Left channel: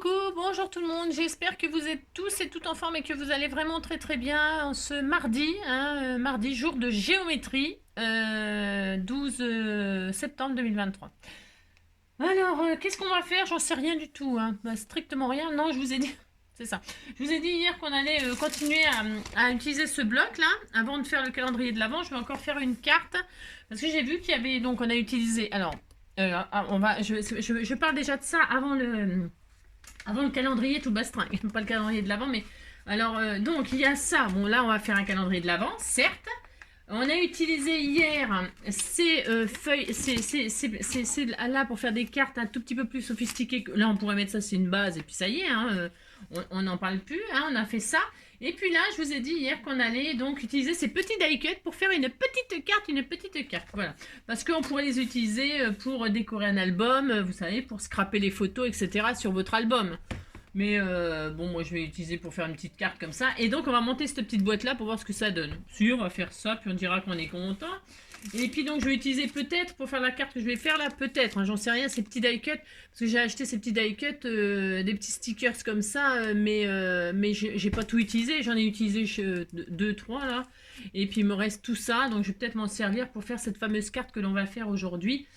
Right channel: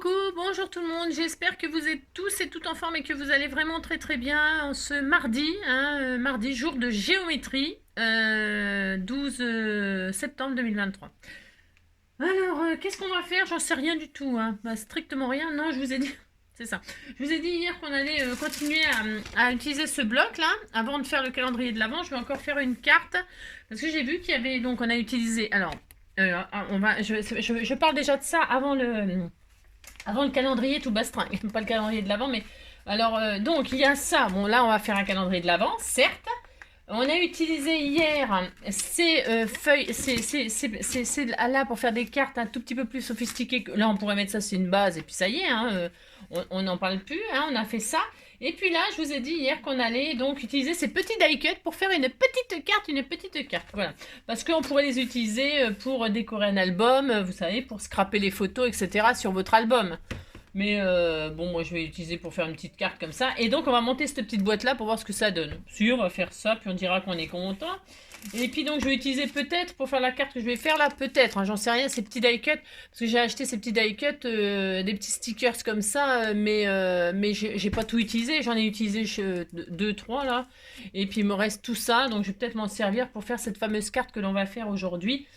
Coucou, bonjour tout le monde, j'espère que vous êtes tous et toutes en forme et que vous allez vraiment très très bien en ce mardi, mardi jour de géométrie, 12 septembre 2023. Alors, qu'est-ce qu'on va faire? J'en sais rien du tout, hein. Bah, strictement rien, non, je vous ai dit, c'est ça. Je vous ai dit hier qu'on allait continuer à utiliser ce bloc là, avant de faire le calendrier de l'Avent. Je vais encore faire une carte, parce que j'ai vu qu'il y avait, donc on a utilisé, alors, je parle déjà de ça avant le calendrier tout bastringue, pas le calendrier de l'Avent, mais alors donc il y a ça. Bon là on va faire un calendrier de l'Avent, certes. On a utilisé hier ces feuilles, c'est là pour faire des cartes un tout petit peu plus sophistiquées. Là on pourrait mettre ça, c'est une base et puis ça y est, hein, on n'en parle plus. Hein, on a fait ça. Et puis là, je vous ai dit hier qu'on allait donc utiliser ces petits die cuts pour faire une petite carte, voilà. Parce qu'on pourrait les utiliser pour décorer un album, vous savez, pour scraper les photos, etc. sur votre album. Mais bon, moi je vais l'utiliser pour faire une petite carte comme ça. Et donc on va monter cette petite boîte là pour voir ce que ça donne. Si on va faire ça, puis on dira qu'on est content. Et puis donc je vais utiliser peut-être pour faire la carte que je vais faire là, peut-être, hein, j'en sais rien, ces petits die cuts. Parce que j'ai acheté ces petits die cuts, des petits stickers comme ça, mais j'ai pas tout utilisé. J'en ai utilisé 2-3 là. Et puis il me reste tout ça, donc je vais peut-être m'en servir pour faire cette fameuse carte que l'on va faire aujourd'hui.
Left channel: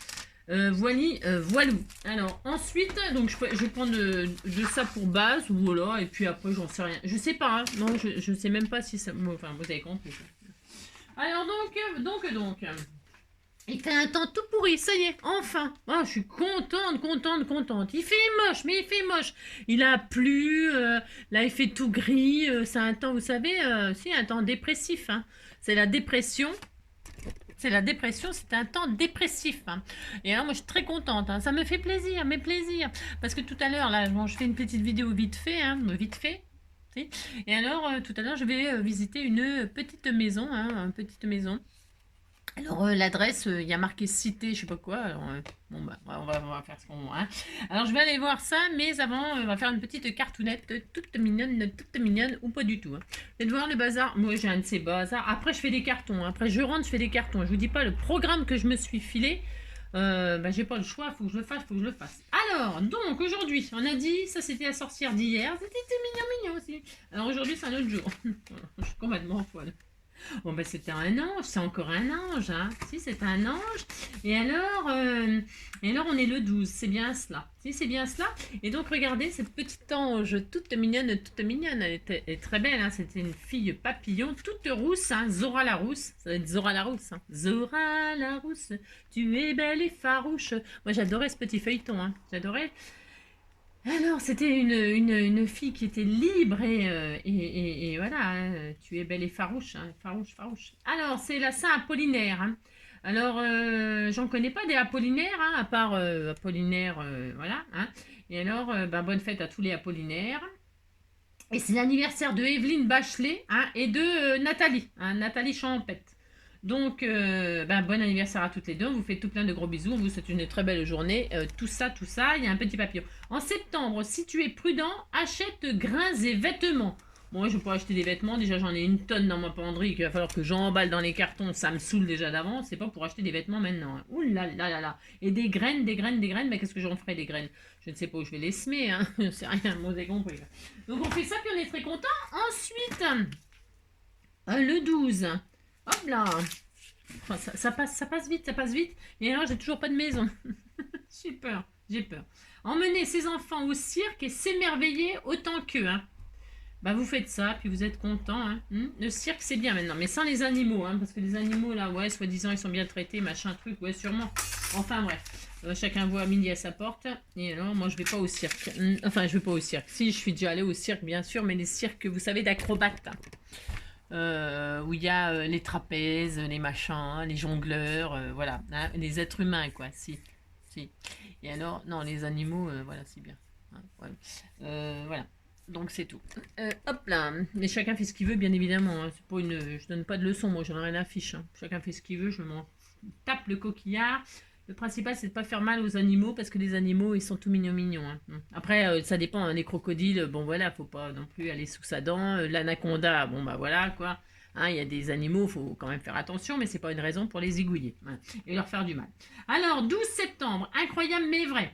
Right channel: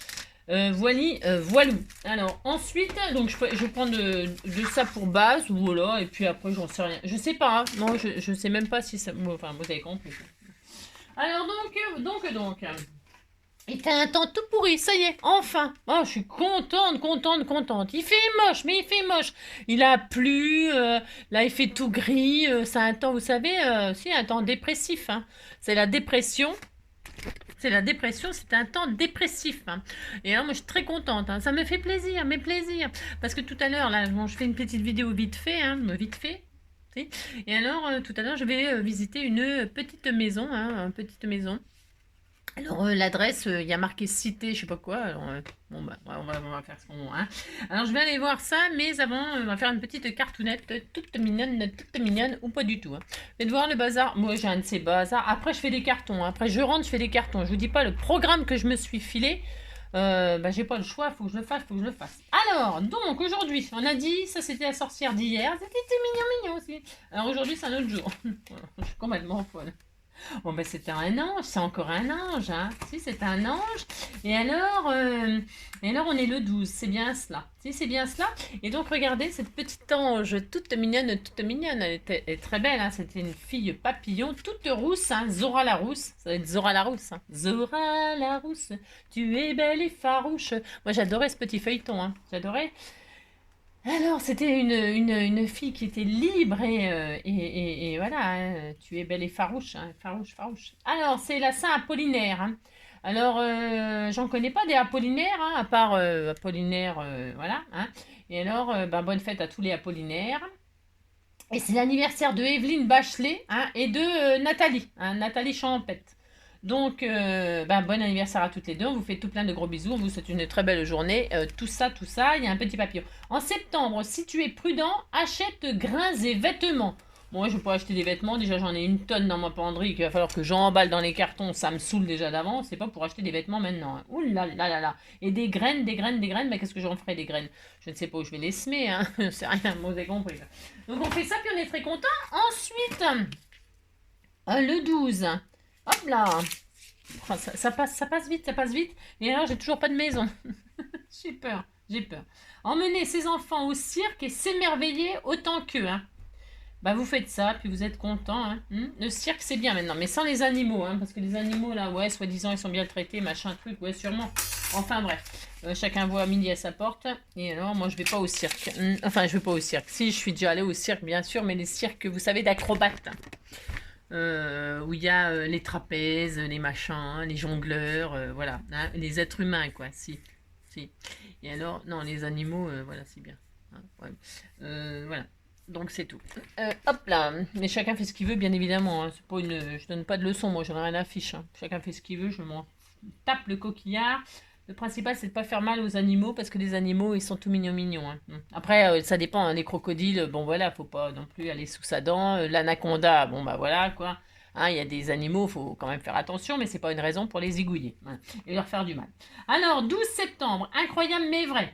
Voilou. Alors ensuite, donc je prends de ça pour base, voilà, et puis après j'en sais rien. Je sais pas, hein. Non, je sais même pas si ça. Enfin, vous avez compris. Alors donc. Il fait un temps tout pourri, ça y est, enfin. Oh, je suis contente. Il fait moche, mais il fait moche. Il a plu, là il fait tout gris. C'est un temps, vous savez, c'est un temps dépressif. Hein. C'est la dépression. C'est la dépression, c'est un temps dépressif. Hein. Et alors, moi, je suis très contente. Hein. Ça me fait plaisir, mes plaisirs. Parce que tout à l'heure, là, bon, je fais une petite vidéo vite fait, vite fait. Et alors, tout à l'heure, je vais visiter une petite maison, une petite maison. Alors, l'adresse, il y a marqué cité, je sais pas quoi. Alors, bon, bah, on va faire ce qu'on va. Hein. Alors, je vais aller voir ça, mais avant, on va faire une petite cartounette toute mignonne, ou pas du tout. Hein. Et de voir le bazar. Moi, j'ai un de ces bazars. Après, je fais des cartons. Hein. Après, je rentre, je fais des cartons. Je vous dis pas le programme que je me suis filé. Bah, j'ai pas le choix, faut que je le fasse. Alors, donc, aujourd'hui, on a dit, ça c'était la sorcière d'hier. C'était mignon aussi. Alors, aujourd'hui, c'est un autre jour. Je suis complètement folle. Bon, ben c'était un ange, c'est encore un ange, hein. Si, c'est un ange. Et alors, on est le 12, c'est bien cela. Si, c'est bien cela. Et donc, regardez, cette petite ange toute mignonne. Elle est très belle, hein. C'était une fille papillon, toute rousse, hein. Zora la rousse. Ça va être Zora la rousse, hein. Zora la rousse, tu es belle et farouche. Moi, j'adorais ce petit feuilleton, hein. J'adorais. Alors, c'était une fille qui était libre et voilà, hein, tu es belle et farouche, hein, farouche. Alors, c'est la Saint Apollinaire. Hein. Alors, j'en connais pas des Apollinaires, hein, à part Apollinaire, voilà. Hein. Et alors, bah, bonne fête à tous les Apollinaires. Et c'est l'anniversaire de Evelyne Bachelet hein, et de Nathalie, hein, Nathalie Champette. Donc, bon anniversaire à toutes les deux. On vous fait tout plein de gros bisous. On vous souhaite une très belle journée. Tout ça. Il y a un petit papillon. En septembre, si tu es prudent, achète grains et vêtements. Moi, je vais pas acheter des vêtements. Déjà, j'en ai une tonne dans ma penderie qu'il va falloir que j'emballe dans les cartons. Ça me saoule déjà d'avance. C'est pas pour acheter des vêtements maintenant. Hein. Ouh là là là là. Et des graines. Mais qu'est-ce que j'en ferai des graines? Je ne sais pas où je vais les semer. Hein. C'est rien. Vous avez compris. Donc, on fait ça, puis on est très content. Ensuite, le 12. Hop là. Oh, ça passe vite. Et alors, j'ai toujours pas de maison. j'ai peur. Emmener ses enfants au cirque et s'émerveiller autant qu'eux. Hein. Bah, vous faites ça, puis vous êtes content. Hein. Le cirque, c'est bien maintenant, mais sans les animaux. Hein, parce que les animaux, là, ouais, soi-disant, ils sont bien traités, machin, truc, ouais, sûrement. Enfin, bref. Chacun voit midi à sa porte. Et alors, moi, je vais pas au cirque. Enfin, je vais pas au cirque. Si, je suis déjà allée au cirque, bien sûr, mais les cirques, vous savez, d'acrobates. Où il y a les trapèzes, les machins, les jongleurs, voilà, hein, les êtres humains, quoi, si. Et alors, non, les animaux, voilà, c'est bien. Hein, ouais. Voilà, donc c'est tout. Hop là, mais chacun fait ce qu'il veut, bien évidemment. Hein. C'est pas je donne pas de leçons, moi, j'en ai rien à fiche. Hein. Chacun fait ce qu'il veut, je m'en tape le coquillard. Le principal, c'est de pas faire mal aux animaux parce que les animaux, ils sont tout mignons. Hein. Après, ça dépend. Hein, les crocodiles, bon voilà, faut pas non plus aller sous sa dent. L'anaconda, bon bah voilà quoi. Hein, il y a des animaux, faut quand même faire attention, mais c'est pas une raison pour les zigouiller hein, et leur faire du mal. Alors, 12 septembre, incroyable mais vrai.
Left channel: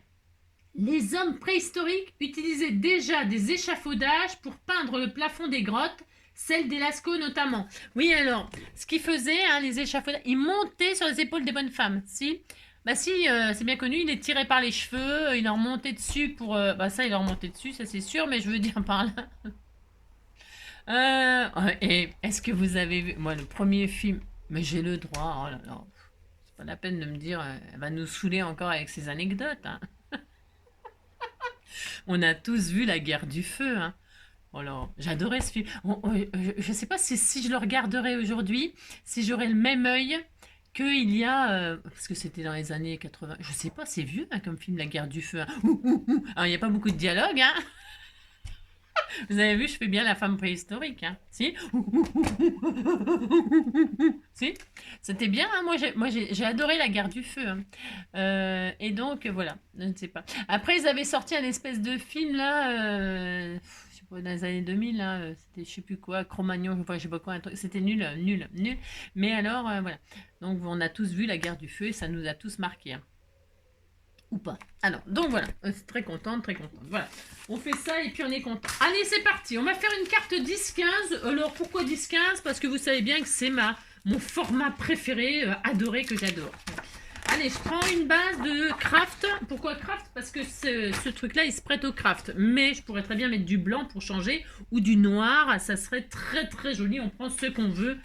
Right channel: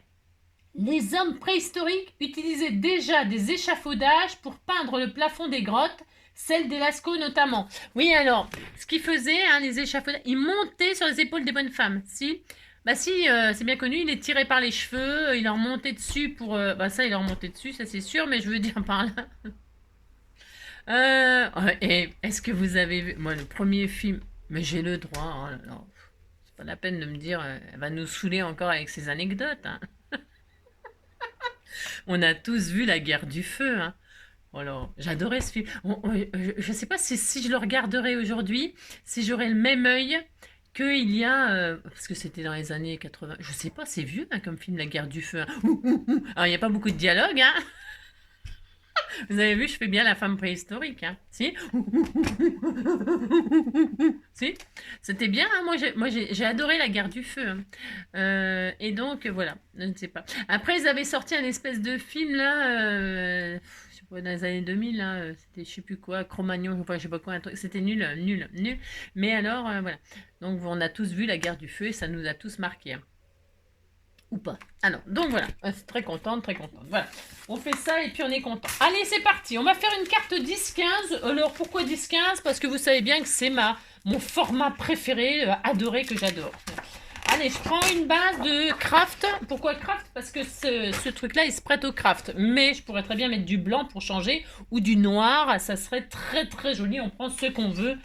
Les hommes préhistoriques utilisaient déjà des échafaudages pour peindre le plafond des grottes, celle des Lascaux notamment. Oui, alors, ce qu'ils faisaient, hein, les échafaudages, ils montaient sur les épaules des bonnes femmes. Si, bah si, c'est bien connu, il les tirait par les cheveux, il leur montait dessus pour... bah ça, il leur montait dessus, ça c'est sûr, mais je veux dire par là... et est-ce que vous avez vu... Moi, le premier film... Mais j'ai le droit, oh là là. C'est pas la peine de me dire, elle va nous saouler encore avec ses anecdotes, hein. On a tous vu La Guerre du Feu, hein. Alors, j'adorais ce film. Je ne sais pas si je le regarderais aujourd'hui, si j'aurais le même œil qu'il y a... parce que c'était dans les années 80. Je sais pas, c'est vieux hein, comme film, La Guerre du Feu. Hein. Alors, il n'y a pas beaucoup de dialogue. Hein. Vous avez vu, je fais bien la femme préhistorique. Hein. Si si c'était bien. Hein. Moi, j'ai adoré La Guerre du Feu. Hein. Et donc, voilà, je ne sais pas. Après, ils avaient sorti un espèce de film, là... dans les années 2000, là, c'était je sais plus quoi, Cro-Magnon, je sais pas quoi, un truc, c'était nul, nul, nul. Mais alors, voilà. Donc, on a tous vu La Guerre du Feu et ça nous a tous marqué. Hein. Ou pas. Alors, donc voilà, c'est très contente, très contente. Voilà, on fait ça et puis on est content. Allez, c'est parti, on va faire une carte 10-15. Alors, pourquoi 10-15? Parce que vous savez bien que c'est mon format préféré, adoré, que j'adore. Allez, je prends une base de craft. Pourquoi craft? Parce que ce truc-là, il se prête au craft. Mais je pourrais très bien mettre du blanc pour changer ou du noir. Ça serait très très joli. On prend ce qu'on veut.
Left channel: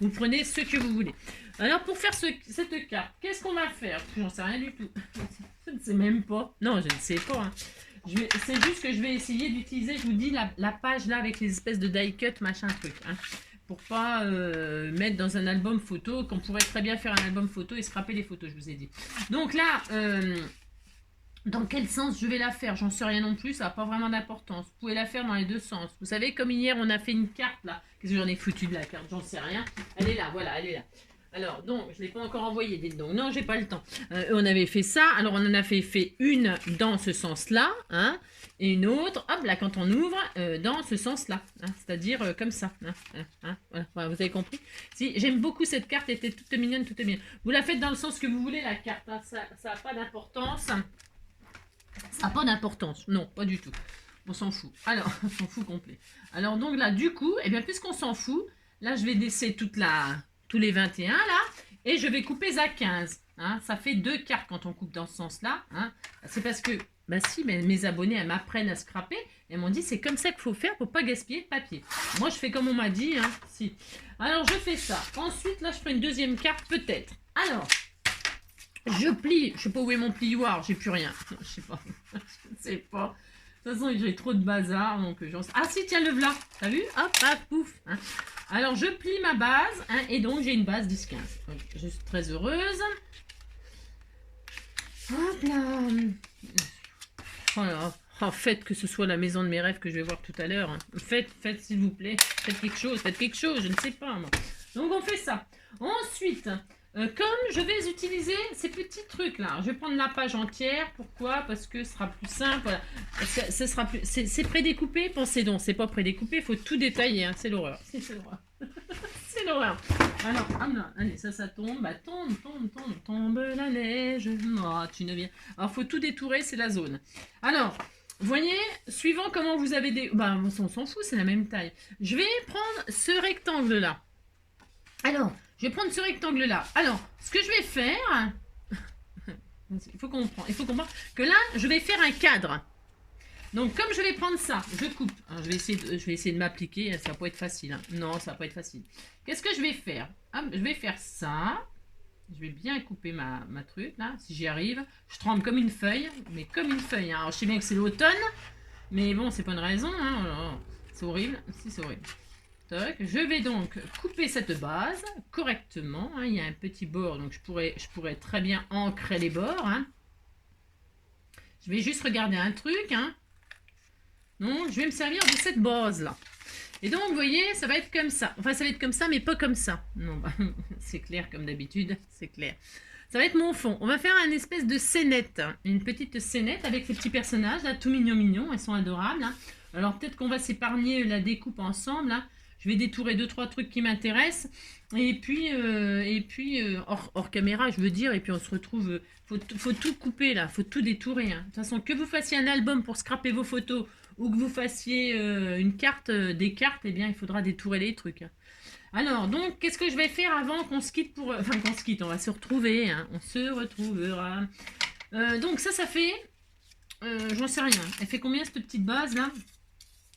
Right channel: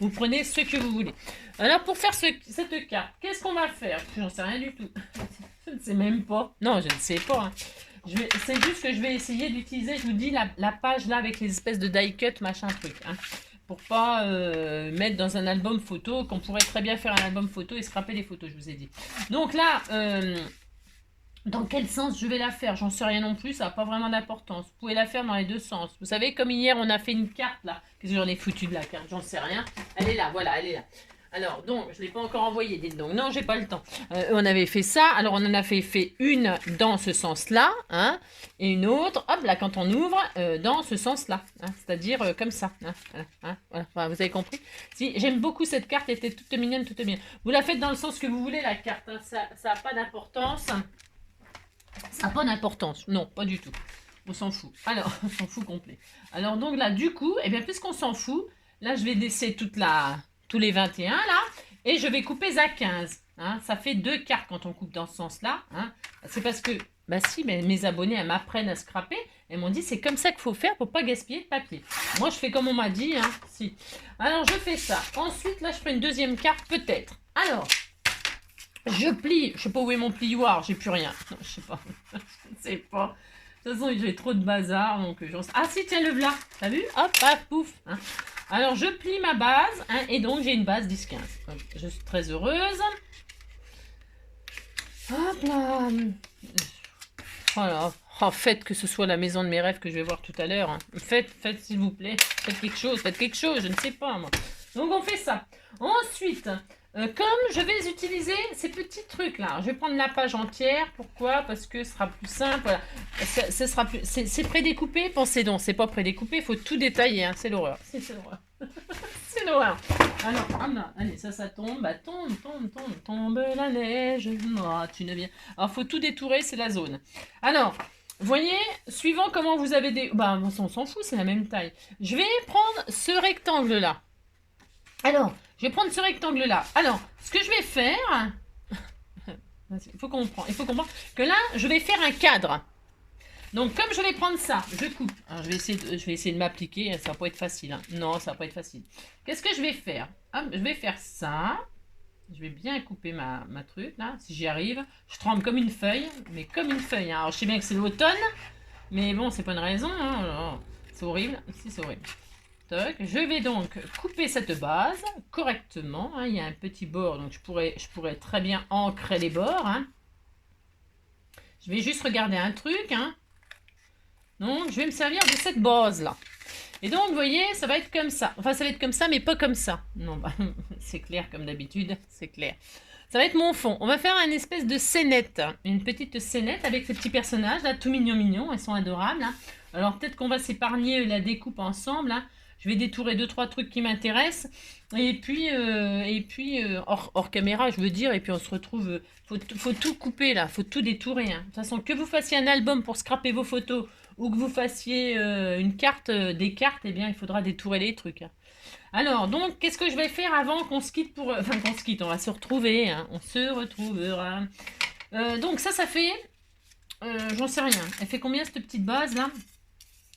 Vous prenez ce que vous voulez. Alors, pour faire cette carte, qu'est-ce qu'on va faire? J'en sais rien du tout. Je ne sais même pas. Non, je ne sais pas. Hein. C'est juste que je vais essayer d'utiliser, je vous dis, la page là avec les espèces de die cut, machin truc. Hein. Pour pas mettre dans un album photo, qu'on pourrait très bien faire un album photo et scraper les photos, je vous ai dit. Donc là, dans quel sens je vais la faire? J'en sais rien non plus, ça n'a pas vraiment d'importance. Vous pouvez la faire dans les deux sens. Vous savez, comme hier, on a fait une carte là. Qu'est-ce que j'en ai foutu de la carte? J'en sais rien. Elle est là, voilà, elle est là. Alors, donc, je ne l'ai pas encore envoyée, dites donc. Non, j'ai pas le temps. On avait fait ça. Alors, on en a fait une dans ce sens-là, hein, et une autre, hop, là, quand on ouvre, dans ce sens-là. Hein, c'est-à-dire comme ça. Hein, voilà, vous avez compris? Si, j'aime beaucoup cette carte, elle était toute mignonne, toute mignonne. Vous la faites dans le sens que vous voulez, la carte. Hein, ça n'a pas d'importance. Ça n'a pas d'importance. Non, pas du tout. On s'en fout. Alors, on s'en fout complet. Alors, donc là, du coup, eh bien, puisqu'on s'en fout, là, je vais laisser tous les 21 là, et je vais couper à 15. Hein. Ça fait 2 cartes quand on coupe dans ce sens-là. Hein. C'est parce que, bah si, mes abonnés, elles m'apprennent à scraper. Elles m'ont dit, c'est comme ça qu'il faut faire pour pas gaspiller de papier. Moi, je fais comme on m'a dit. Hein. Si. Alors, je fais ça. Ensuite, là, je prends une deuxième carte, peut-être. Alors, je plie. Je sais pas où est mon plioir, j'ai plus rien. Non, je sais pas. Je ne sais pas. De toute façon, j'ai trop de bazar, donc j'en sais... Ah si, tiens, le voilà. T'as vu? Hop, paf, pouf. Hein. Alors, je plie ma base, hein, et donc j'ai une base 10-15. Je suis très heureuse. Hop là. Voilà. Oh, faites que ce soit la maison de mes rêves que je vais voir tout à l'heure. Hein. Faites s'il vous plaît. Faites quelque chose, je ne sais pas, moi. Donc, on fait ça. Ensuite... comme je vais utiliser ces petits trucs là, je vais prendre la page entière. Pourquoi? Parce que ce sera plus simple. Voilà. Ce sera plus. C'est prédécoupé. Pensez donc, c'est pas prédécoupé. Il faut tout détailler. Hein. C'est l'horreur. C'est l'horreur. C'est l'horreur. Alors, allez, ça tombe. Bah, tombe la neige. Oh, tu ne viens. Alors, faut tout détourer. C'est la zone. Alors. Vous voyez, suivant comment vous avez des... Bah, on s'en fout, c'est la même taille. Je vais prendre ce rectangle-là. Alors, je vais prendre ce rectangle-là. Alors, ce que je vais faire... Il faut comprendre que là, je vais faire un cadre. Donc, comme je vais prendre ça, je coupe. Alors, je vais essayer de m'appliquer. Ça va pas être facile. Hein. Non, ça va pas être facile. Qu'est-ce que je vais faire? Je vais faire ça. Je vais bien couper ma truc, là, si j'y arrive. Je tremble comme une feuille, mais comme une feuille. Hein. Alors, je sais bien que c'est l'automne, mais bon, c'est pas une raison. Hein. C'est horrible. Si, c'est horrible. Toc. Je vais donc couper cette base correctement. Hein. Il y a un petit bord, donc je pourrais très bien ancrer les bords. Hein. Je vais juste regarder un truc. Hein. Donc, je vais me servir de cette base-là. Et donc, vous voyez, ça va être comme ça. Enfin, ça va être comme ça, mais pas comme ça. Non, bah, c'est clair comme d'habitude, c'est clair. Ça va être mon fond. On va faire une espèce de scénette. Une petite scénette avec ces petits personnages, là, tout mignons. Ils sont adorables. Hein. Alors, peut-être qu'on va s'épargner la découpe ensemble. Hein. je vais détourer 2-3 trucs qui m'intéressent. Et puis, hors caméra, je veux dire, et puis on se retrouve. Faut tout couper là, faut tout détourer. Hein. De toute façon, que vous fassiez un album pour scraper vos photos ou que vous fassiez une carte, des cartes, eh bien, il faudra détourer les trucs. Hein. Alors, donc, qu'est-ce que je vais faire avant qu'on se quitte pour. Enfin, qu'on se quitte, on va se retrouver, hein. On se retrouvera. Donc, ça fait. J'en sais rien. Elle fait combien cette petite base là?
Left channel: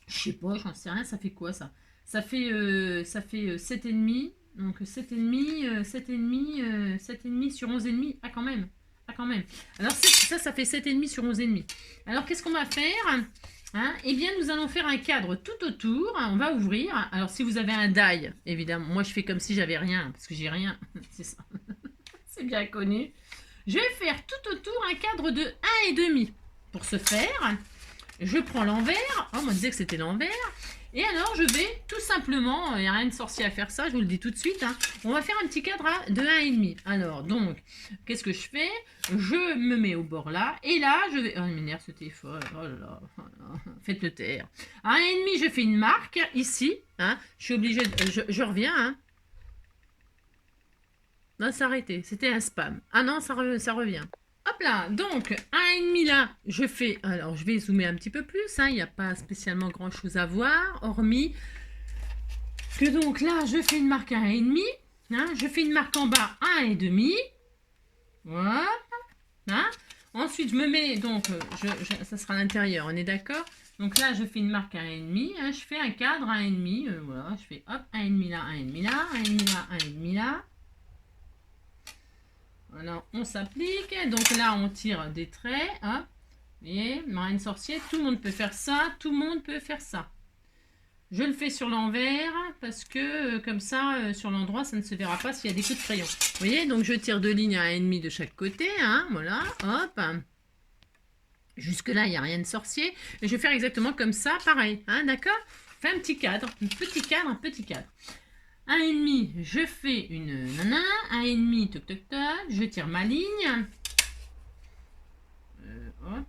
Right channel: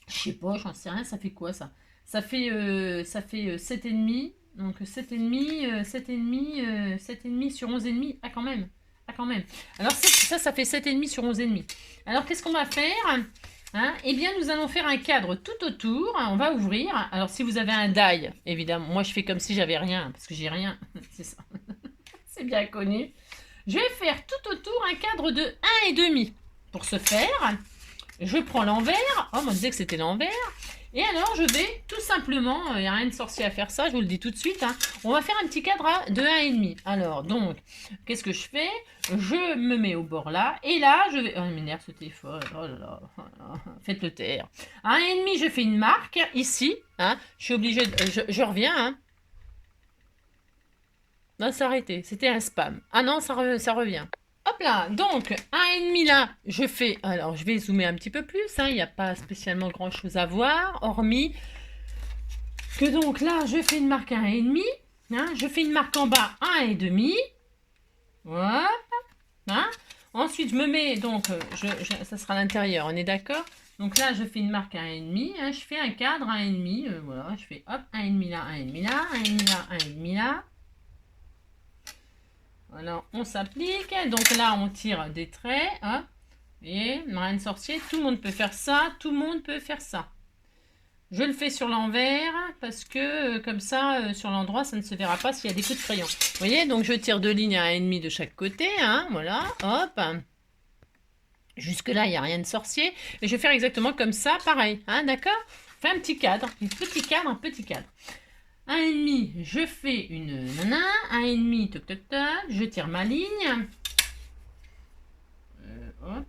Je sais pas, j'en sais rien. Ça fait quoi ça? Ça fait 7,5. Donc 7,5, 7,5, 7,5 sur 11,5. Ah, quand même. Ah, quand même. Alors, ça fait 7,5 sur 11,5. Alors, qu'est-ce qu'on va faire? Hein, eh bien, nous allons faire un cadre tout autour. On va ouvrir. Alors, si vous avez un die, évidemment. Moi, je fais comme si j'avais rien, parce que j'ai rien. C'est ça. C'est bien connu. Je vais faire tout autour un cadre de 1,5. Pour ce faire, je prends l'envers. Oh, on me disait que c'était l'envers. Et alors, je vais tout simplement, il n'y a rien de sorcier à faire ça, je vous le dis tout de suite. Hein, on va faire un petit cadre de 1,5. Alors, donc, qu'est-ce que je fais? Je me mets au bord là. Et là, je vais... Oh, il m'énerve ce téléphone. Oh là là. Faites-le taire. À 1,5, je fais une marque ici. Hein, je suis obligée de... Je reviens. Hein. Non, c'est arrêté. C'était un spam. Ah non, ça revient. Hop là, donc 1,5 là, je fais, alors je vais zoomer un petit peu plus, hein, il n'y a pas spécialement grand chose à voir, hormis que donc là, je fais une marque 1,5, hein, je fais une marque en bas 1,5, voilà, hein. Ensuite je me mets, donc, ça sera l'intérieur, on est d'accord? Donc là, je fais une marque 1,5, hein, je fais un cadre 1,5, voilà, je fais hop, 1,5 là, 1,5 là, 1,5 là, 1,5 là. Voilà, on s'applique. Donc là, on tire des traits. Hop. Vous voyez, marraine sorcier, tout le monde peut faire ça. Tout le monde peut faire ça. Je le fais sur l'envers parce que comme ça, sur l'endroit, ça ne se verra pas s'il y a des coups de crayon. Vous voyez, donc je tire 2 lignes à 1,5 de chaque côté. Hein, voilà, hop. Jusque là, il n'y a rien de sorcier. Et je vais faire exactement comme ça, pareil. Hein, d'accord? Fais un petit cadre, un petit cadre, un petit cadre. 1,5, je fais une nana, 1,5, toc toc toc, je tire ma ligne.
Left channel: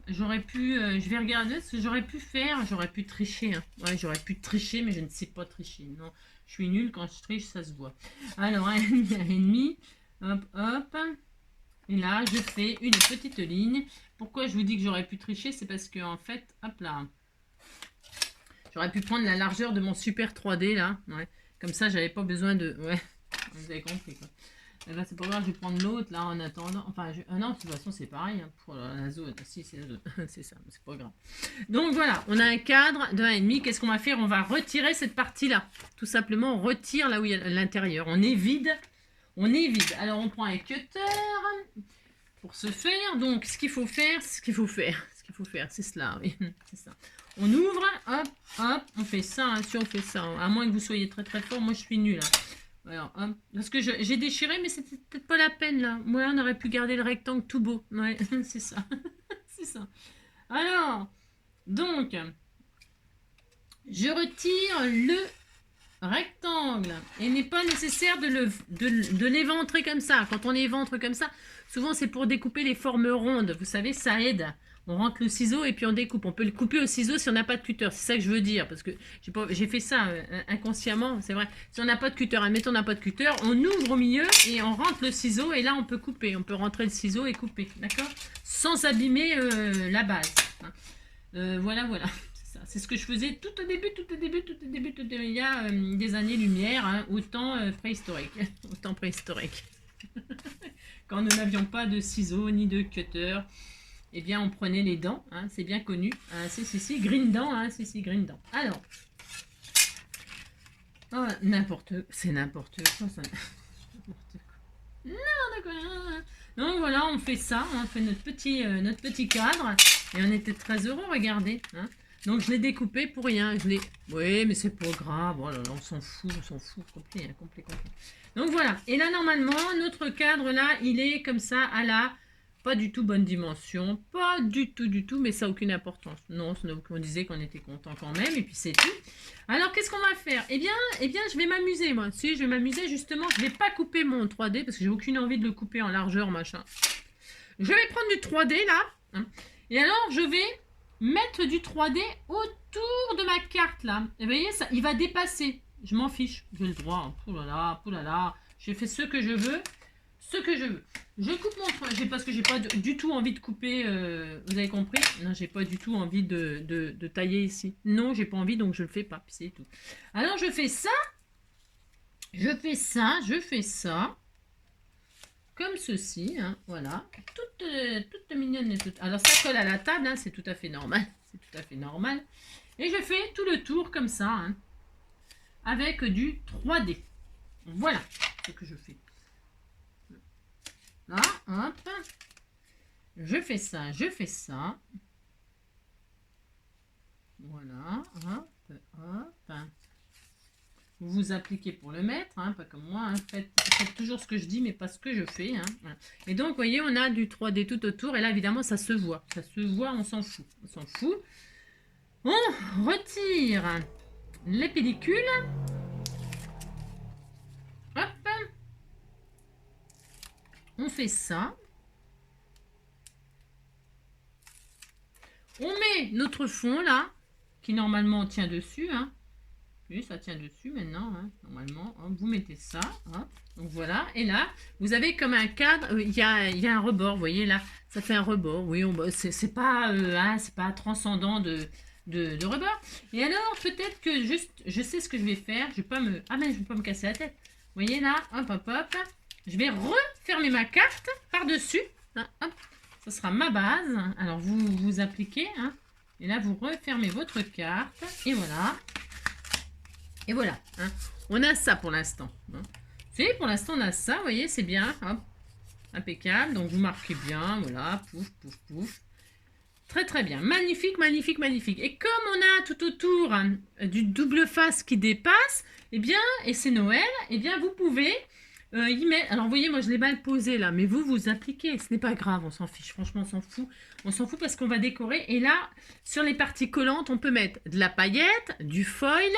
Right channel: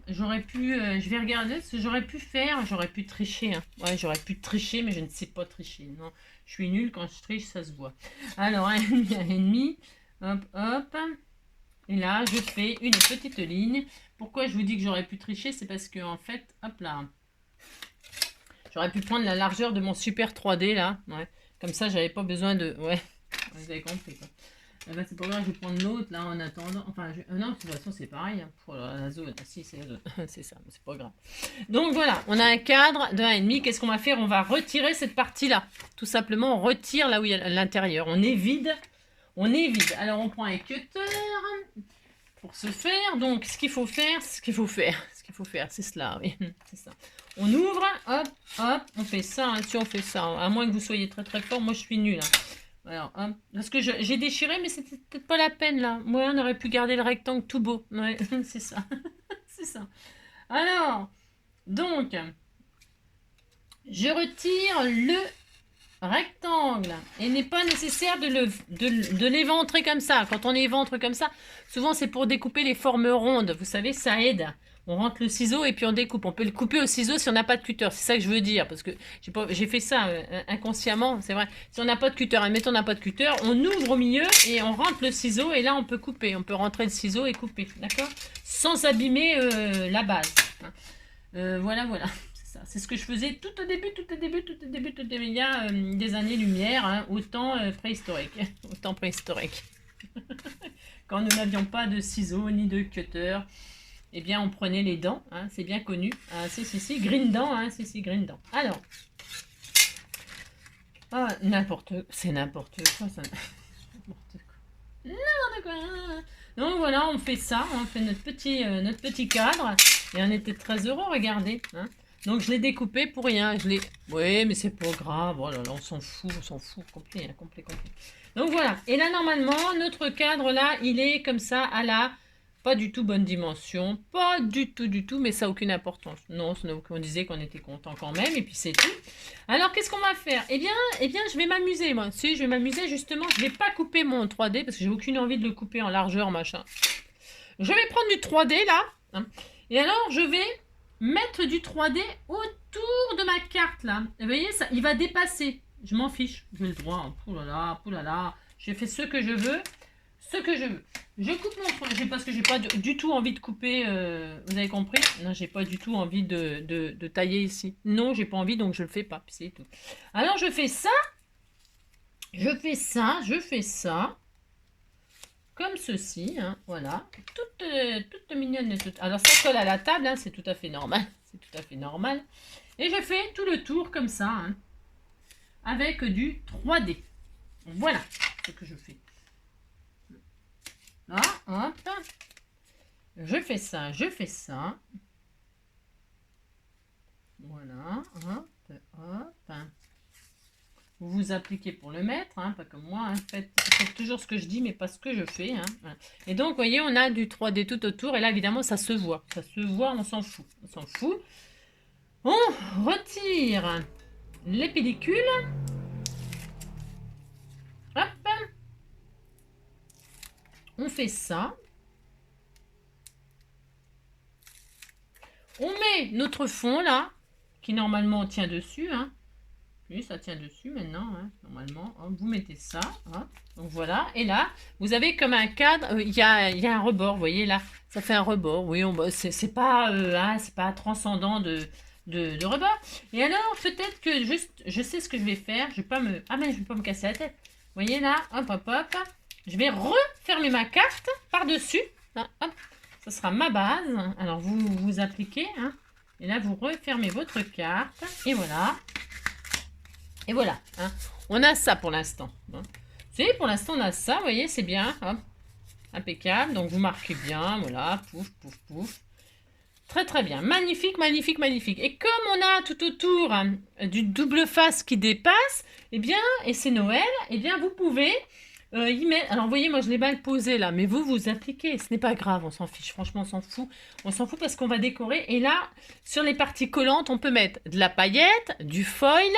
J'aurais pu, je vais regarder ce que j'aurais pu faire, j'aurais pu tricher. Hein. Ouais, j'aurais pu tricher, mais je ne sais pas tricher. Non, je suis nulle quand je triche, ça se voit. Alors, 1,5, hop, hop. Et là, je fais une petite ligne. Pourquoi je vous dis que j'aurais pu tricher? C'est parce que, en fait, hop là, j'aurais pu prendre la largeur de mon super 3D là. Ouais. Comme ça, j'avais pas besoin de... Ouais, vous avez compris quoi. Eh ben, c'est pas grave, je vais prendre l'autre là en attendant. Enfin, non, de toute façon, c'est pareil. Hein, pour la zone. Si, c'est la zone. C'est ça, c'est pas grave. Donc voilà, on a un cadre de 1,5. Qu'est-ce qu'on va faire? On va retirer cette partie-là. Tout simplement, on retire là où il y a l'intérieur. On est vide. On est vide. Alors, on prend un cutter pour ce faire. Donc, ce qu'il faut faire, c'est cela. Oui, c'est ça. On ouvre, hop, hop, on fait ça, hein, si on fait ça, à moins que vous soyez très très fort, moi je suis nulle. Hein. Alors, hop, parce que j'ai déchiré, mais c'était peut-être pas la peine là. Moi, on aurait pu garder le rectangle tout beau. Ouais, c'est ça. C'est ça. Alors, donc, je retire le rectangle. Et il n'est pas nécessaire de l'éventrer comme ça. Quand on éventre comme ça, souvent c'est pour découper les formes rondes. Vous savez, ça aide. On rentre le ciseau et puis on découpe. On peut le couper au ciseau si on n'a pas de cutter. C'est ça que je veux dire. Parce que j'ai fait ça inconsciemment. C'est vrai. Si on n'a pas de cutter, admettons on n'a pas de cutter, on ouvre au milieu et on rentre le ciseau. Et là, on peut couper. On peut rentrer le ciseau et couper. D'accord? Sans abîmer la base. Hein. Voilà, voilà. C'est ce que je faisais tout au début, il y a des années-lumière, hein, au temps préhistorique. Au temps préhistorique. Quand nous n'avions pas de ciseaux ni de cutter. Eh bien, on prenait les dents, hein, c'est bien connu. Ah, si, green dent, hein, si, green dent. Alors, oh, c'est n'importe quoi, ça. N'importe quoi. Donc voilà, on fait ça, on fait notre petit cadre, et on était très heureux, regardez. Hein. Donc je l'ai découpé pour rien, oui, mais c'est pas grave, oh là là, on s'en fout, complet, hein, complet. Donc voilà, et là, normalement, notre cadre, là, il est comme ça, à la... Pas du tout bonne dimension, pas du tout, mais ça n'a aucune importance. Non, on disait qu'on était content quand même, et puis c'est tout. Alors, qu'est-ce qu'on va faire? Eh bien, je vais m'amuser, moi. Si, je vais m'amuser, justement, je ne vais pas couper mon 3D, parce que j'ai aucune envie de le couper en largeur, machin. Je vais prendre du 3D, là, hein, et alors, je vais mettre du 3D autour de ma carte, là. Vous voyez, ça, il va dépasser. Je m'en fiche. J'ai le droit. Pouh là là. J'ai fait ce que je veux. Ce que je veux. Je coupe mon tronc. Parce que j'ai pas du tout envie de couper. Vous avez compris? Non, j'ai pas du tout envie de tailler ici. Non, j'ai pas envie, donc je le fais pas. Puis c'est tout. Alors, je fais ça. Je fais ça. Je fais ça. Comme ceci, hein, voilà, toute mignonne et toute... Alors ça colle à la table, hein, c'est tout à fait normal, c'est tout à fait normal. Et je fais tout le tour comme ça, hein, avec du 3D. Voilà ce que je fais. Là, hop, je fais ça, je fais ça. Voilà, hop, hop. Vous vous appliquez pour le mettre, hein, pas comme moi. Hein. Faites toujours ce que je dis, mais pas ce que je fais. Hein. Et donc, vous voyez, on a du 3D tout autour. Et là, évidemment, ça se voit. Ça se voit, on s'en fout. On s'en fout. On retire les pellicules. Hop. On fait ça. On met notre fond, là, qui normalement tient dessus, hein. Oui, ça tient dessus maintenant, hein, normalement. Hein, vous mettez ça. Hein, donc voilà. Et là, vous avez comme un cadre. Il y a un rebord, vous voyez là. Ça fait un rebord. Oui, c'est pas, c'est pas transcendant de rebord. Et alors, peut-être que juste, je sais ce que je vais faire. Je vais pas me... Ah, mais je vais pas me casser la tête. Vous voyez là, hop, hop, hop. Je vais refermer ma carte par-dessus. Hop. Ça sera ma base. Alors, vous appliquez. Hein, et là, vous refermez votre carte. Et voilà. Et voilà, hein. On a ça pour l'instant. Hein. Pour l'instant, on a ça, vous voyez, c'est bien. Hop. Impeccable. Donc, vous marquez bien. Voilà, pouf, pouf, pouf. Très, très bien. Magnifique, magnifique, magnifique. Et comme on a tout autour hein, du double face qui dépasse, eh bien, et c'est Noël, eh bien, vous pouvez y mettre... Alors, vous voyez, moi, je l'ai mal posé là, mais vous appliquez. Ce n'est pas grave, on s'en fiche. Franchement, on s'en fout. On s'en fout parce qu'on va décorer. Et là, sur les parties collantes, on peut mettre de la paillette, du foil,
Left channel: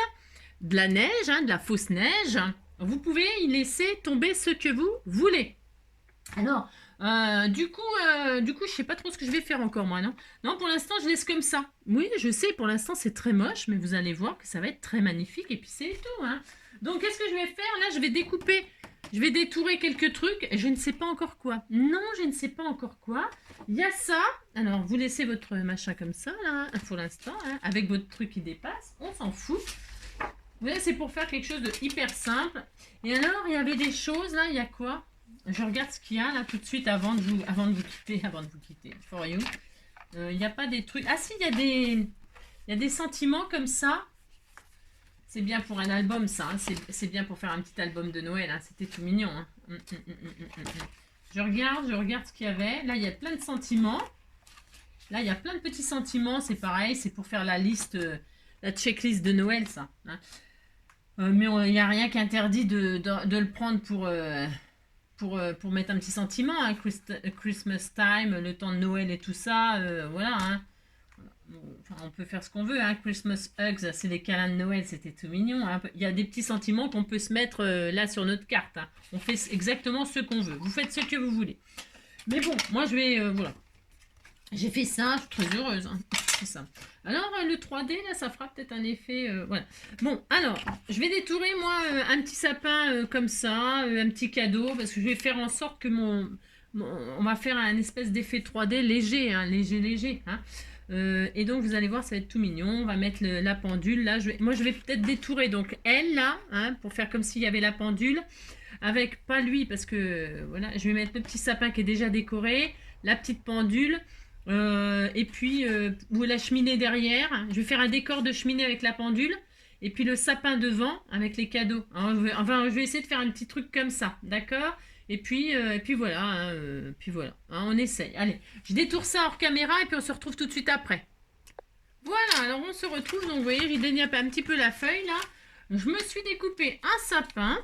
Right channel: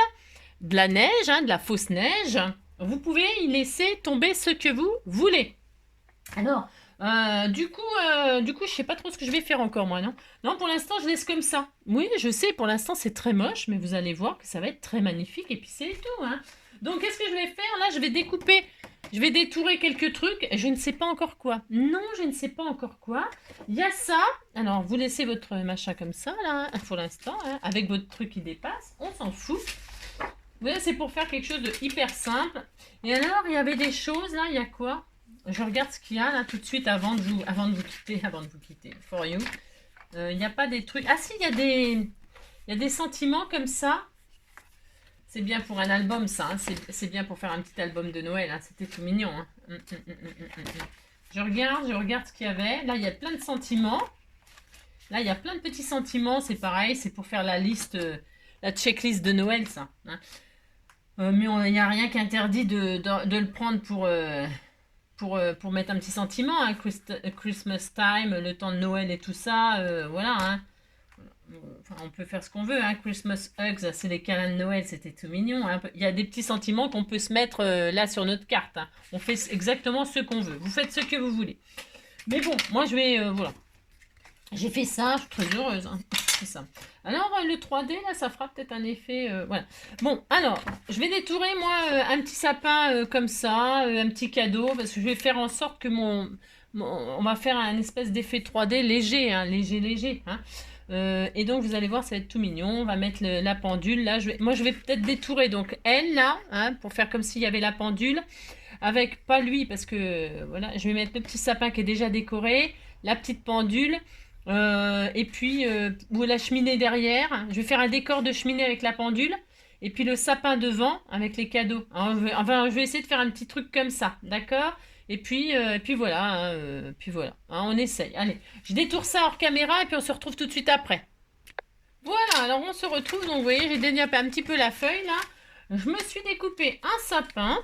de la neige, hein, de la fausse neige. Vous pouvez y laisser tomber ce que vous voulez. Alors, du coup, je sais pas trop ce que je vais faire encore, moi, non? Non, pour l'instant, je laisse comme ça. Oui, je sais, pour l'instant, c'est très moche, mais vous allez voir que ça va être très magnifique, et puis c'est tout, hein. Donc, qu'est-ce que je vais faire? Là, je vais découper, je vais détourer quelques trucs, je ne sais pas encore quoi. Non, je ne sais pas encore quoi. Il y a ça. Alors, vous laissez votre machin comme ça, là, pour l'instant, hein, avec votre truc qui dépasse. On s'en fout. Vous voyez, c'est pour faire quelque chose de hyper simple. Et alors, il y avait des choses, là, il y a quoi? Je regarde ce qu'il y a, là, tout de suite, avant de vous quitter, for you. Il n'y a pas des trucs... Ah si, il y a des sentiments comme ça. C'est bien pour un album, ça. Hein. C'est bien pour faire un petit album de Noël. Hein. C'était tout mignon. Hein. Je regarde ce qu'il y avait. Là, il y a plein de sentiments. Là, il y a plein de petits sentiments. C'est pareil, c'est pour faire la liste... la checklist de Noël, ça. Hein. Mais il n'y a rien qui interdit de le prendre pour mettre un petit sentiment. Hein. Christmas time, le temps de Noël et tout ça. Voilà. Hein. Enfin, on peut faire ce qu'on veut. Hein. Christmas hugs, c'est les câlins de Noël. C'était tout mignon. Hein. Il y a des petits sentiments qu'on peut se mettre là sur notre carte. Hein. On fait exactement ce qu'on veut. Vous faites ce que vous voulez. Mais bon, moi, je vais... voilà. J'ai fait ça, je suis très heureuse. Hein. C'est ça. Alors, le 3D, là, ça fera peut-être un effet... voilà. Bon, alors, je vais détourer, moi, un petit sapin comme ça, un petit cadeau, parce que je vais faire en sorte que on va faire un espèce d'effet 3D léger, hein, léger. Hein. Et donc, vous allez voir, ça va être tout mignon. On va mettre la pendule, là. Moi, je vais peut-être détourer, donc, elle, là, hein, pour faire comme s'il y avait la pendule, avec, pas lui, parce que, voilà, je vais mettre le petit sapin qui est déjà décoré, la petite pendule... et puis la cheminée derrière. Je vais faire un décor de cheminée avec la pendule. Et puis le sapin devant avec les cadeaux. Enfin, je vais essayer de faire un petit truc comme ça. D'accord? Et puis voilà. Hein, on essaye. Allez, je détourne ça hors caméra et puis on se retrouve tout de suite après. Voilà, alors on se retrouve. Donc vous voyez, j'ai déniapé un petit peu la feuille là. Je me suis découpé un sapin.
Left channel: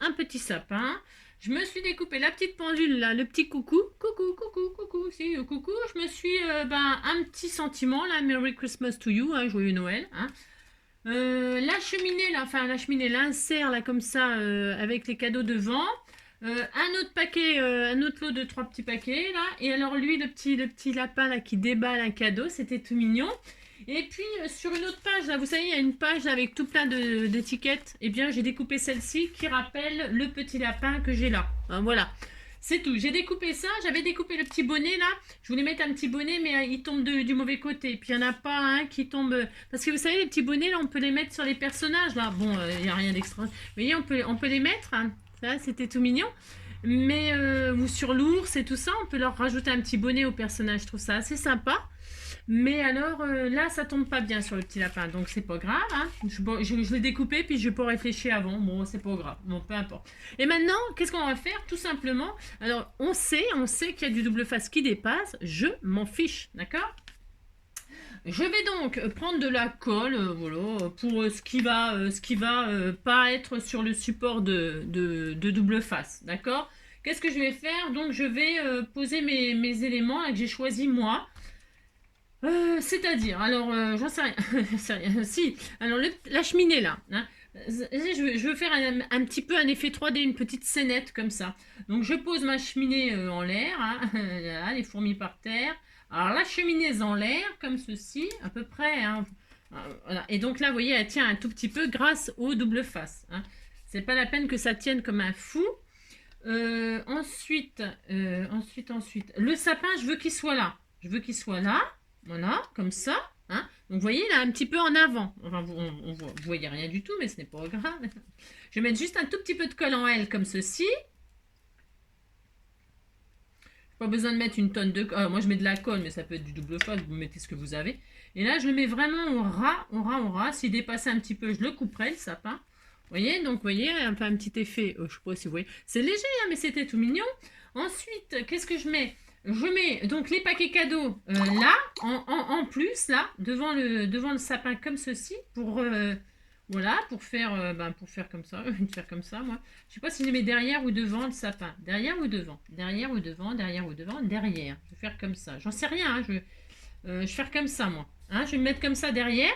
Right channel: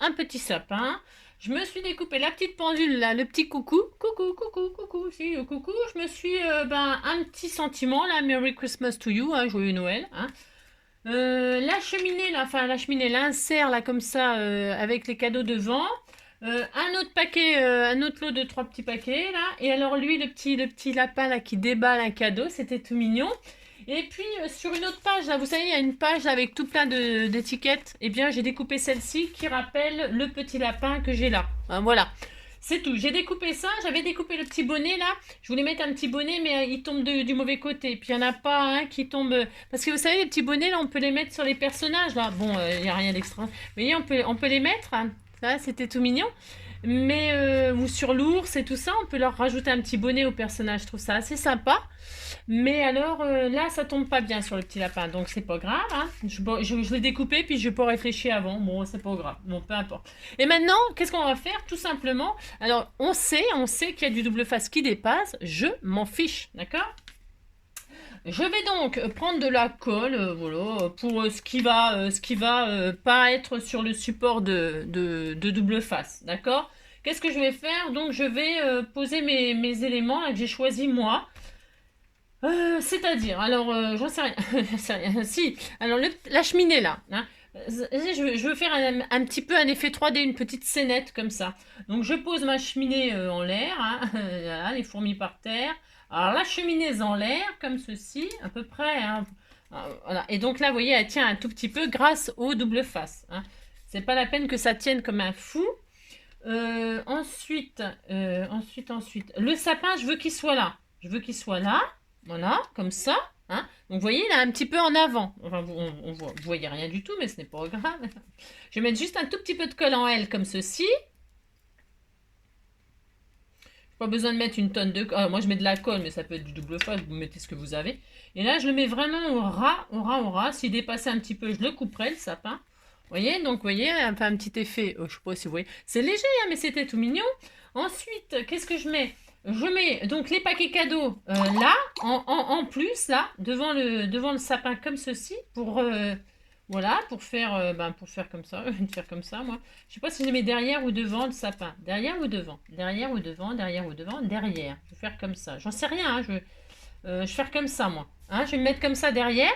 Un petit sapin. Je me suis découpé la petite pendule, là, le petit coucou. Coucou, si, coucou. Je me suis, un petit sentiment, là, Merry Christmas to you, hein, joyeux Noël. Hein. La cheminée, là, enfin, l'insert, là, comme ça, avec les cadeaux devant. Un autre paquet, un autre lot de 3 petits paquets, là. Et alors, lui, le petit lapin, là, qui déballe un cadeau, c'était tout mignon. Et puis sur une autre page, là, vous savez, il y a une page avec tout plein d'étiquettes. Eh bien, j'ai découpé celle-ci qui rappelle le petit lapin que j'ai là. Hein, voilà. C'est tout. J'ai découpé ça. J'avais découpé le petit bonnet là. Je voulais mettre un petit bonnet, mais il tombe du mauvais côté. Puis il n'y en a pas un qui tombe. Parce que vous savez, les petits bonnets là, on peut les mettre sur les personnages là. Bon, il n'y a rien d'extra. Mais on peut les mettre. Hein. Ça, c'était tout mignon. Mais, ou sur l'ours et tout ça, on peut leur rajouter un petit bonnet au personnage. Je trouve ça assez sympa. Mais alors là, ça tombe pas bien sur le petit lapin, donc c'est pas grave. Hein. Je l'ai découpé, puis je n'ai pas réfléchi avant. Bon, c'est pas grave. Bon, peu importe. Et maintenant, qu'est-ce qu'on va faire? Tout simplement, alors on sait qu'il y a du double face qui dépasse. Je m'en fiche, d'accord? Je vais donc prendre de la colle, voilà, pour ce qui va pas être sur le support de double face, d'accord? Qu'est-ce que je vais faire? Donc je vais poser mes éléments là, que j'ai choisi moi. C'est-à-dire, alors, j'en sais rien. J'en sais rien. Si, alors la cheminée là, hein, je veux faire un petit peu un effet 3D, une petite scénette comme ça. Donc je pose ma cheminée en l'air, hein, là, les fourmis par terre. Alors la cheminée en l'air, comme ceci, à peu près. Hein, voilà. Et donc là, vous voyez, elle tient un tout petit peu grâce au double face. Hein. C'est pas la peine que ça tienne comme un fou. Ensuite, le sapin, je veux qu'il soit là. Je veux qu'il soit là. Voilà, comme ça. Hein. Donc, vous voyez, il est un petit peu en avant. Enfin, vous voyez rien du tout, mais ce n'est pas grave. Je vais mettre juste un tout petit peu de colle en L, comme ceci. Pas besoin de mettre une tonne de colle. Moi, je mets de la colle, mais ça peut être du double face. Vous mettez ce que vous avez. Et là, je le mets vraiment au ras. S'il dépassait un petit peu, je le couperai, le sapin. Vous voyez, donc, vous voyez, un petit effet. Je ne sais pas si vous voyez. C'est léger, hein, mais c'était tout mignon. Ensuite, qu'est-ce que je mets? Je mets donc les paquets cadeaux là, en plus, là, devant le sapin comme ceci, voilà, pour faire comme ça, faire comme ça, moi. Je sais pas si je les mets derrière ou devant le sapin. Derrière ou devant? Derrière ou devant? Derrière ou devant? Derrière. Je vais faire comme ça. J'en sais rien, hein, je vais faire comme ça, moi. Hein, je vais le mettre comme ça derrière.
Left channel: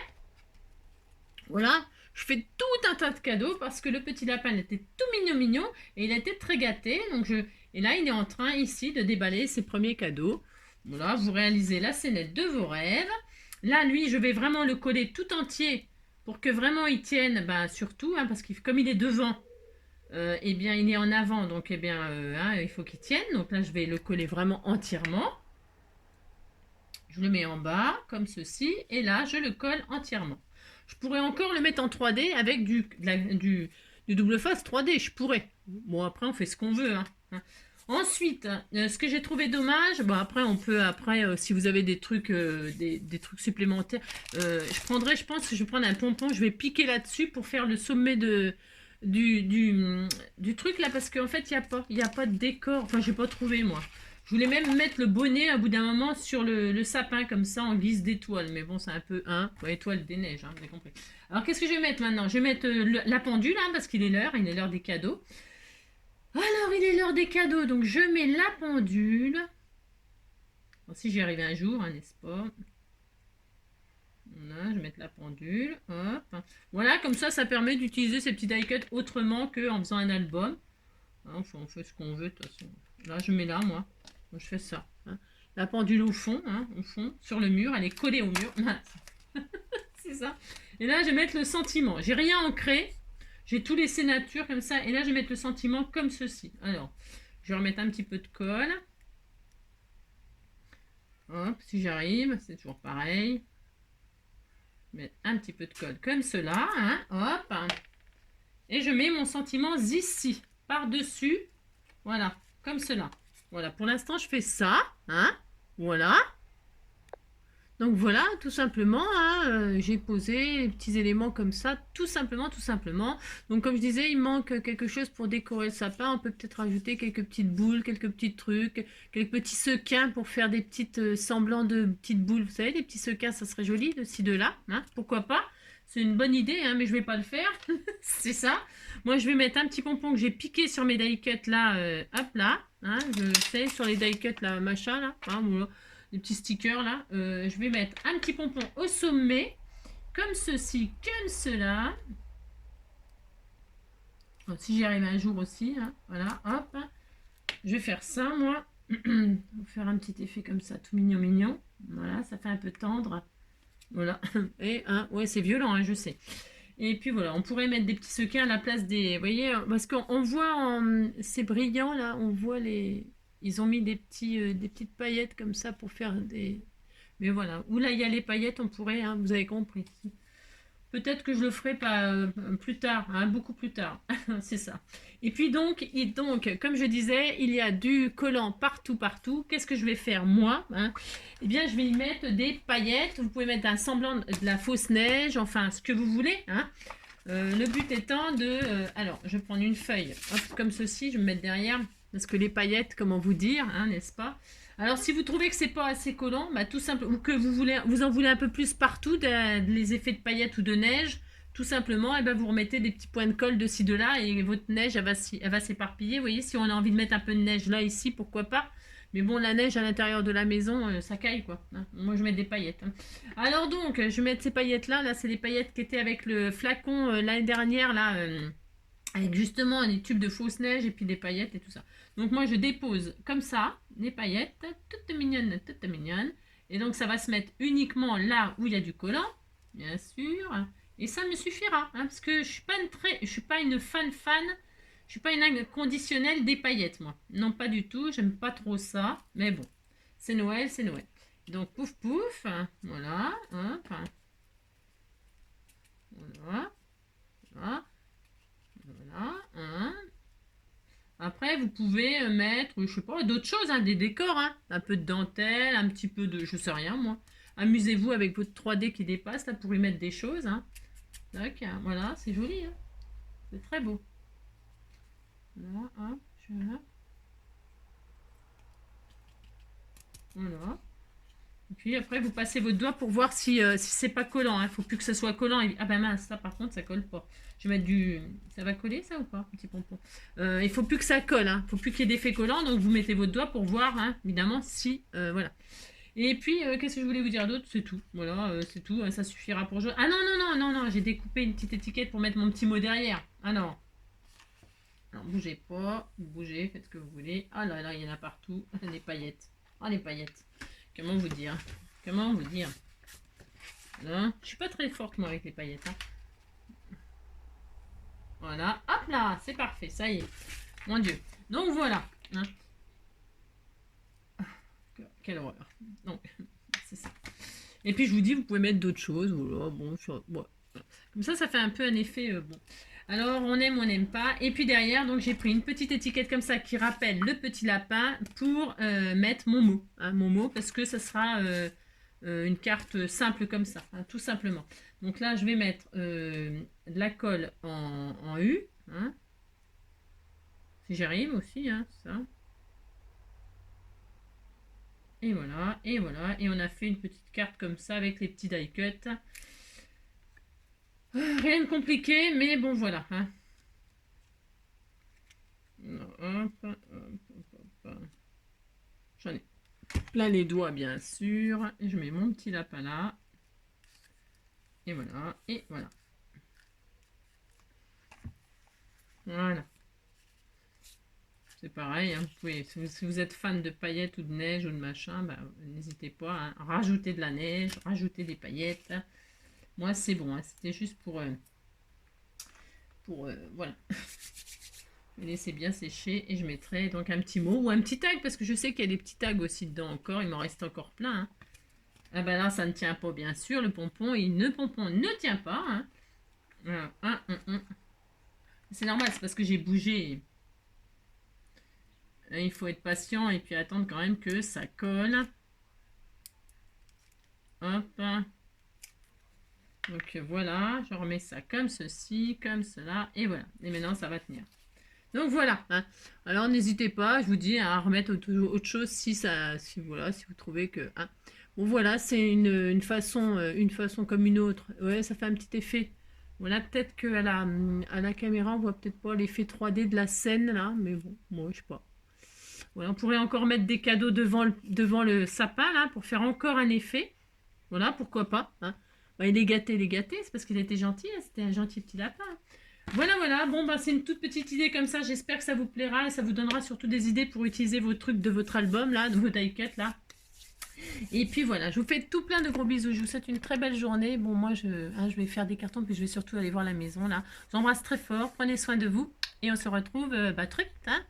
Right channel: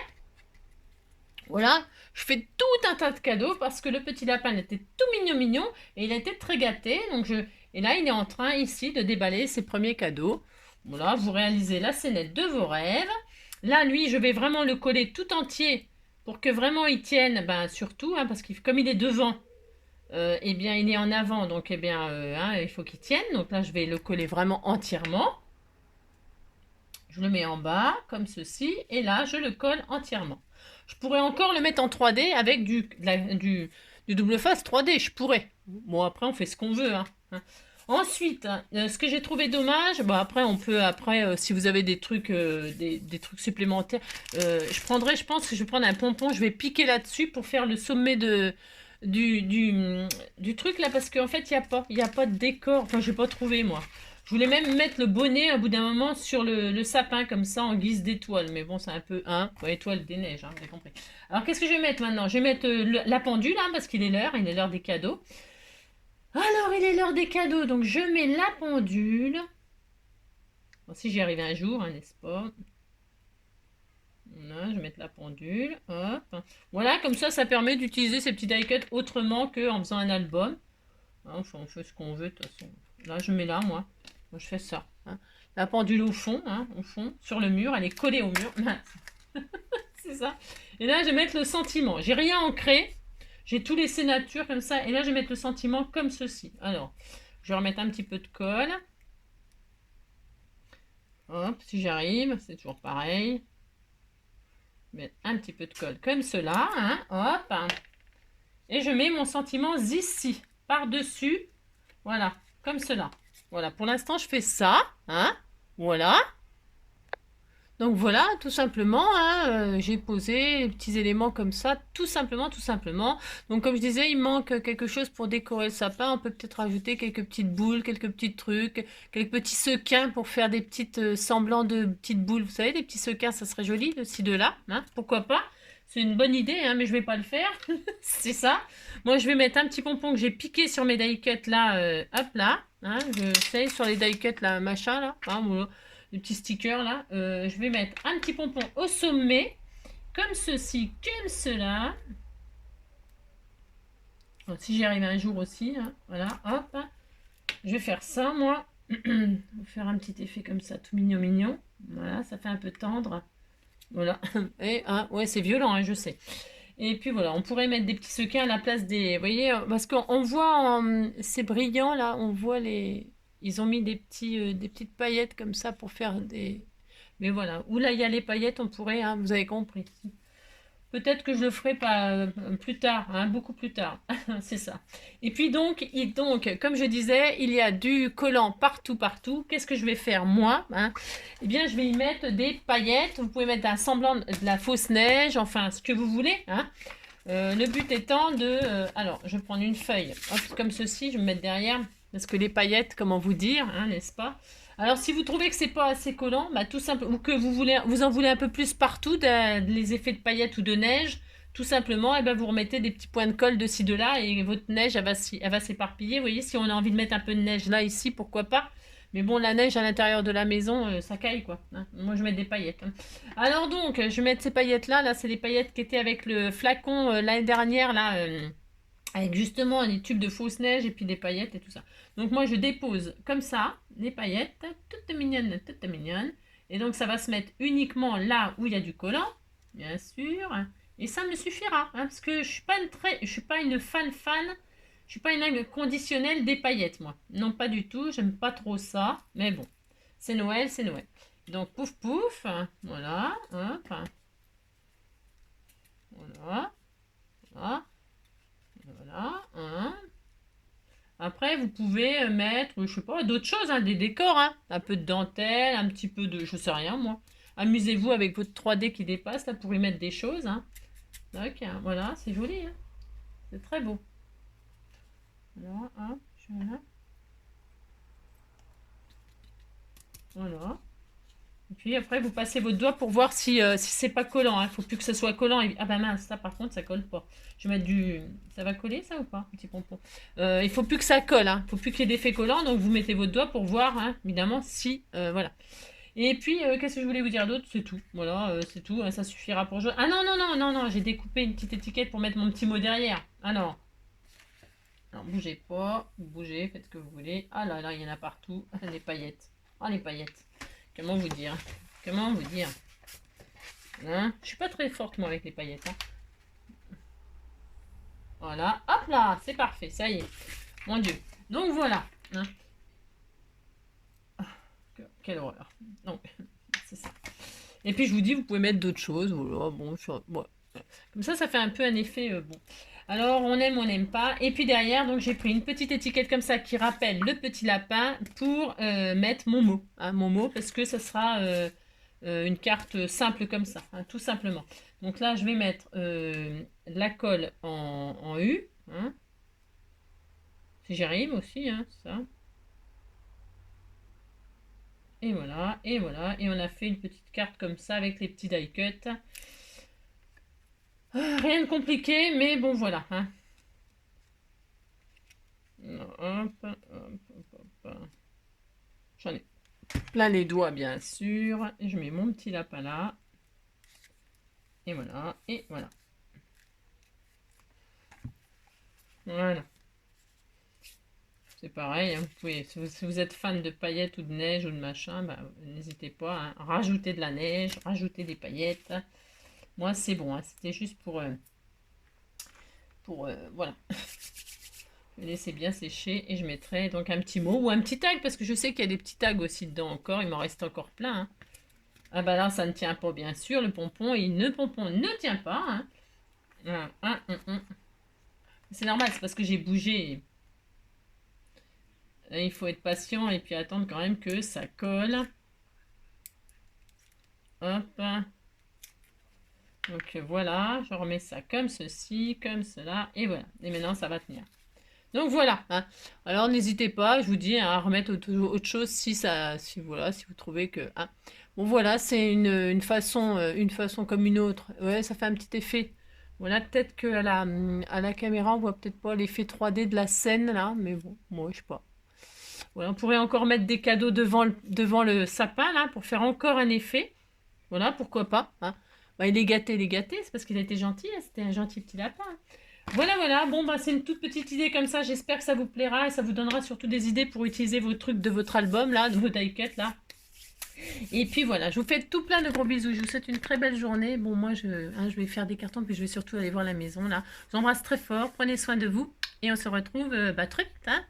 Voilà. Je fais tout un tas de cadeaux parce que le petit lapin il était tout mignon et il a été très gâté. Et là, il est en train ici de déballer ses premiers cadeaux. Voilà, vous réalisez la scénette de vos rêves. Là, lui, je vais vraiment le coller tout entier pour que vraiment il tienne, surtout, hein, parce que comme il est devant, eh bien, il est en avant, donc eh bien, hein, il faut qu'il tienne. Donc là, je vais le coller vraiment entièrement. Je le mets en bas, comme ceci, et là, je le colle entièrement. Je pourrais encore le mettre en 3D avec du double face 3D, je pourrais. Bon, après, on fait ce qu'on veut. Hein. Ensuite, ce que j'ai trouvé dommage, après, on peut, si vous avez des trucs, des trucs supplémentaires, je pense que je vais prendre un pompon, je vais piquer là-dessus pour faire le sommet du truc là, parce qu'en fait, il n'y a pas de décor. Enfin, je n'ai pas trouvé, moi. Je voulais même mettre le bonnet à bout d'un moment sur le sapin, comme ça, en guise d'étoile. Mais bon, c'est un peu, étoile des neiges, hein, vous avez compris. Alors, qu'est-ce que je vais mettre maintenant? Je vais mettre la pendule, hein, parce qu'il est l'heure des cadeaux. Alors, il est l'heure des cadeaux, donc je mets la pendule. Bon, si j'y arrive un jour, hein, n'est-ce pas? Voilà, je vais mettre la pendule, hop. Voilà, comme ça permet d'utiliser ces petits die-cuts autrement qu'en faisant un album. Enfin, on fait ce qu'on veut, de toute façon. Là, je mets là, moi je fais ça. Hein. La pendule au fond, sur le mur, elle est collée au mur. C'est ça. Et là, je vais mettre le sentiment. J'ai rien ancré. J'ai tout laissé nature comme ça. Et là, je vais mettre le sentiment comme ceci. Alors, je vais remettre un petit peu de colle. Hop, si j'arrive, c'est toujours pareil. Mettre un petit peu de colle comme cela. Hein, hop. Et je mets mon sentiment ici, par-dessus. Voilà, comme cela. Voilà, pour l'instant, je fais ça. Hein, voilà. Donc voilà, tout simplement, hein, j'ai posé les petits éléments comme ça, tout simplement. Donc comme je disais, il manque quelque chose pour décorer le sapin. On peut peut-être rajouter quelques petites boules, quelques petits trucs, quelques petits sequins pour faire des petites semblants de petites boules. Vous savez, des petits sequins, ça serait joli de ci, de là. Hein, pourquoi pas? C'est une bonne idée, hein, mais je vais pas le faire. C'est ça. Moi, je vais mettre un petit pompon que j'ai piqué sur mes die-cuts là, hop là. Hein, je sais, sur les die-cuts là, machin là. Hein, voilà. Les petits stickers là, je vais mettre un petit pompon au sommet, comme ceci, comme cela. Bon, si j'y arrive un jour aussi, hein, voilà, hop. Je vais faire ça, moi. Je vais faire un petit effet comme ça, tout mignon. Voilà, ça fait un peu tendre. Voilà. Et ouais, c'est violent, hein, je sais. Et puis voilà, on pourrait mettre des petits sequins à la place des. Vous voyez, parce qu'on voit, c'est brillant là, on voit les. Ils ont mis des petites paillettes comme ça pour faire des. Mais voilà, où là il y a les paillettes, on pourrait, hein, vous avez compris. Peut-être que je le ferai pas plus tard, hein, beaucoup plus tard. C'est ça. Et puis donc, comme je disais, il y a du collant partout, partout. Qu'est-ce que je vais faire moi, hein? Eh bien, je vais y mettre des paillettes. Vous pouvez mettre un semblant de la fausse neige, enfin ce que vous voulez, hein. Le but étant de... alors, je vais prendre une feuille, hop, comme ceci, je vais me mettre derrière, parce que les paillettes, comment vous dire, hein, n'est-ce pas? Alors, si vous trouvez que c'est pas assez collant, bah, tout simple, ou que vous en voulez un peu plus partout, les effets de paillettes ou de neige, tout simplement, et ben, vous remettez des petits points de colle de ci, de là, et votre neige, elle va s'éparpiller. Vous voyez, si on a envie de mettre un peu de neige là, ici, pourquoi pas? Mais bon, la neige à l'intérieur de la maison, ça caille, quoi, hein. Moi, je mets des paillettes, hein. Alors donc, je vais mettre ces paillettes-là. Là, c'est les paillettes qui étaient avec le flacon l'année dernière, là, avec justement les tubes de fausse neige et puis des paillettes et tout ça. Donc moi, je dépose comme ça les paillettes, toutes mignonnes, toutes mignonnes. Et donc, ça va se mettre uniquement là où il y a du collant, bien sûr. Et ça me suffira, hein, parce que je suis pas une fan. Je suis pas une inconditionnelle des paillettes, moi. Non, pas du tout. J'aime pas trop ça. Mais bon, c'est Noël, c'est Noël. Donc, pouf, pouf. Voilà. Hop. Voilà. Voilà. Voilà. Après, vous pouvez mettre, je sais pas, d'autres choses, hein, des décors, hein. Un peu de dentelle, un petit peu de, je sais rien, moi. Amusez-vous avec votre 3D qui dépasse, là, pour y mettre des choses, hein. Donc, voilà, c'est joli, hein. C'est très beau. Voilà, hop, voilà. Voilà. Et puis après, vous passez votre doigt pour voir si c'est pas collant. Il ne faut plus que ce soit collant. Ah ben mince, ça par contre, ça colle pas. Je vais mettre du... Ça va coller ça ou pas, petit pompon? Il faut plus que ça colle. Il ne faut plus qu'il y ait d'effet collant. Donc vous mettez votre doigt pour voir, hein, évidemment, si... voilà. Et puis, qu'est-ce que je voulais vous dire d'autre? C'est tout. Voilà, c'est tout. Ça suffira pour jouer. Ah non, non, non, non, non. J'ai découpé une petite étiquette pour mettre mon petit mot derrière. Ah non. Alors, bougez pas. Bougez, faites ce que vous voulez. Ah là là, il y en a partout. Les paillettes. Ah, les paillettes. Comment vous dire? Comment vous dire? Hein, je suis pas très forte moi avec les paillettes, hein. Voilà, hop là, c'est parfait, ça y est. Mon Dieu. Donc voilà, hein. Quelle horreur. Donc, c'est ça. Et puis je vous dis, vous pouvez mettre d'autres choses. Voilà, bon, bon. Comme ça fait un peu un effet bon. Alors, on aime, on n'aime pas. Et puis derrière, donc j'ai pris une petite étiquette comme ça qui rappelle le petit lapin pour mettre mon mot. Hein, mon mot, parce que ça sera une carte simple comme ça, hein, tout simplement. Donc là, je vais mettre de la colle en U. Hein, si j'arrive aussi, hein, ça. Et voilà, et voilà. Et on a fait une petite carte comme ça avec les petits die cuts. Rien de compliqué, mais bon, voilà. Hein. Hop, hop, hop. J'en ai plein les doigts, bien sûr. Et je mets mon petit lapin là. Et voilà, et voilà. Voilà. C'est pareil, hein, vous pouvez, si vous êtes fan de paillettes ou de neige ou de machin, bah, n'hésitez pas, hein, rajouter de la neige, rajouter des paillettes. Moi, c'est bon, hein, c'était juste pour voilà. Je vais laisser bien sécher et je mettrai donc un petit mot ou un petit tag parce que je sais qu'il y a des petits tags aussi dedans encore. Il m'en reste encore plein, hein. Ah bah là, ça ne tient pas, bien sûr. Le pompon, pompon ne tient pas, hein. C'est normal, c'est parce que j'ai bougé. Il faut être patient et puis attendre quand même que ça colle. Hop. Donc voilà, je remets ça comme ceci, comme cela, et voilà. Et maintenant, ça va tenir. Donc voilà, hein. Alors n'hésitez pas, je vous dis, à remettre autre chose si voilà, si vous trouvez que... Hein. Bon voilà, c'est une façon comme une autre. Ouais, ça fait un petit effet. Voilà, peut-être qu'à la caméra, on voit peut-être pas l'effet 3D de la scène là, mais bon, moi je sais pas. Voilà, on pourrait encore mettre des cadeaux devant le sapin là, pour faire encore un effet. Voilà, pourquoi pas, hein. Bah, il est gâté, c'est parce qu'il a été gentil, hein, c'était un gentil petit lapin. Voilà, voilà, bon, bah, c'est une toute petite idée comme ça, j'espère que ça vous plaira et ça vous donnera surtout des idées pour utiliser vos trucs de votre album, là, de vos die cuts, là. Et puis voilà, je vous fais tout plein de gros bisous. Je vous souhaite une très belle journée. Bon, moi, je vais faire des cartons, puis je vais surtout aller voir la maison là. Je vous embrasse très fort. Prenez soin de vous et on se retrouve très vite, hein.